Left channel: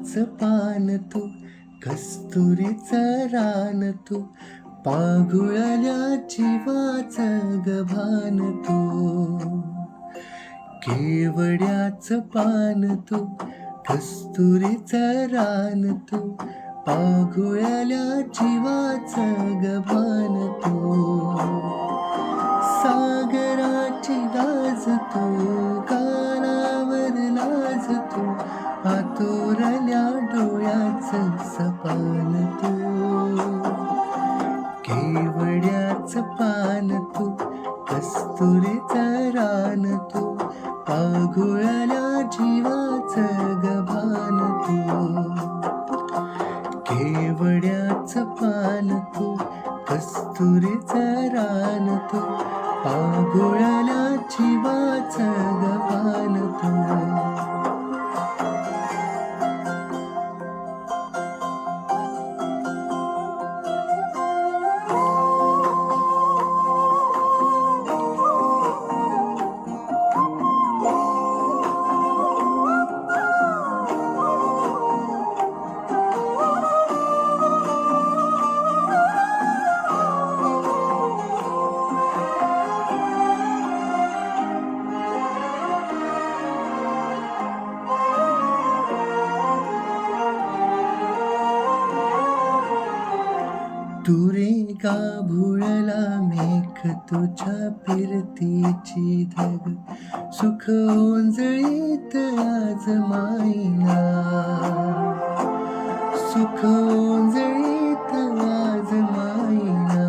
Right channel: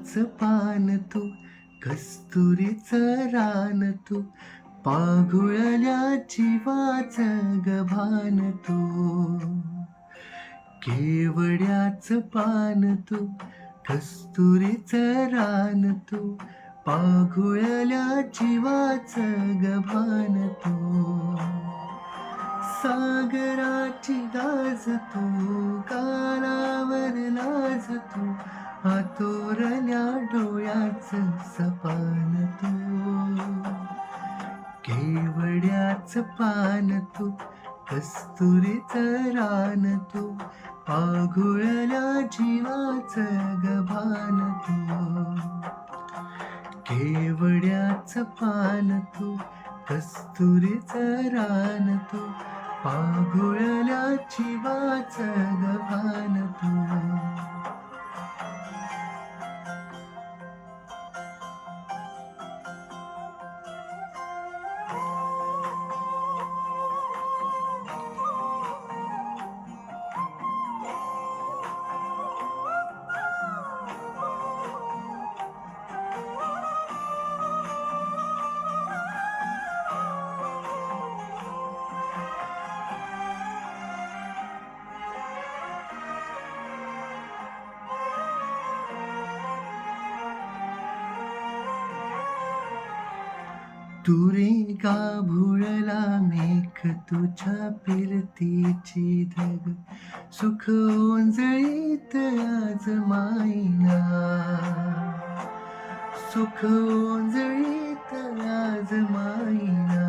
केवड्याच पान तू, कस्तुरीचं रान तू, पाघुळल्या जीवाच गभान तू. केवड्याच पान तू, कस्तुरीचं रान तू, पाघुळल्या जीवाच गभान तू. सागराची लाज तू, गालावर लाज तू, आतोरल्या डोळ्याचं सपान तू. केवड्याच पान तू, कस्तुरीचं रान तू, पाघुळल्या जीवाचं गभान तू. केवड्याच पान तू, कस्तुरीचं रान तू, पाघुळल्या जीवाचं गभान तू. तू रे गाभुळला मेघ तुझ्या फिरतीची धग, सुख ओंजळीत आज माईना. सुख ओंजळीत आज माईना.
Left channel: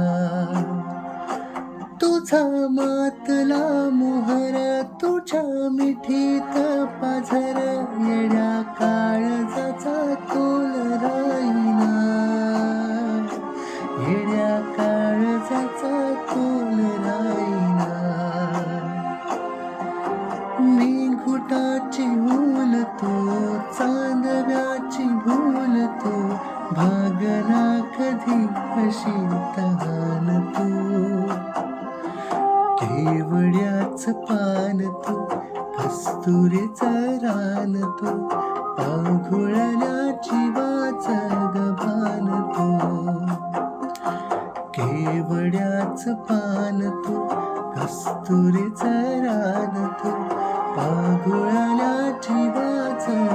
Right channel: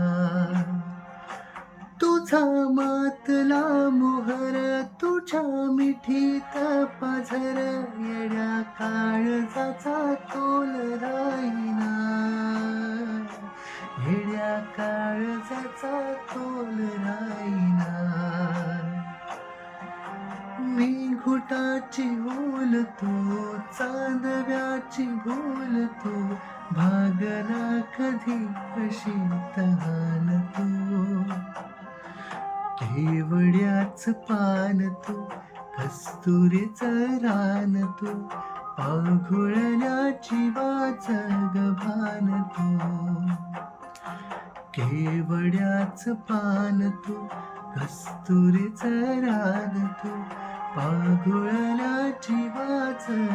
तुझा मातला मोहर, तुझ्या मिठीत पाझर, येड्या काळजाचा तोल राईना. येड्या काळजाचा तोल राईना. मी घुटाची हूल तू, चांदव्याची भूल तू, भागना कधी अशी तहान तू. केवड्याच पान तू, कस्तुरीचं रान तू, पाघुळल्या जीवाचं गभान तू. केवड्याच पान तू, कस्तुरीचं रान तू, पाघुळल्या जीवाचं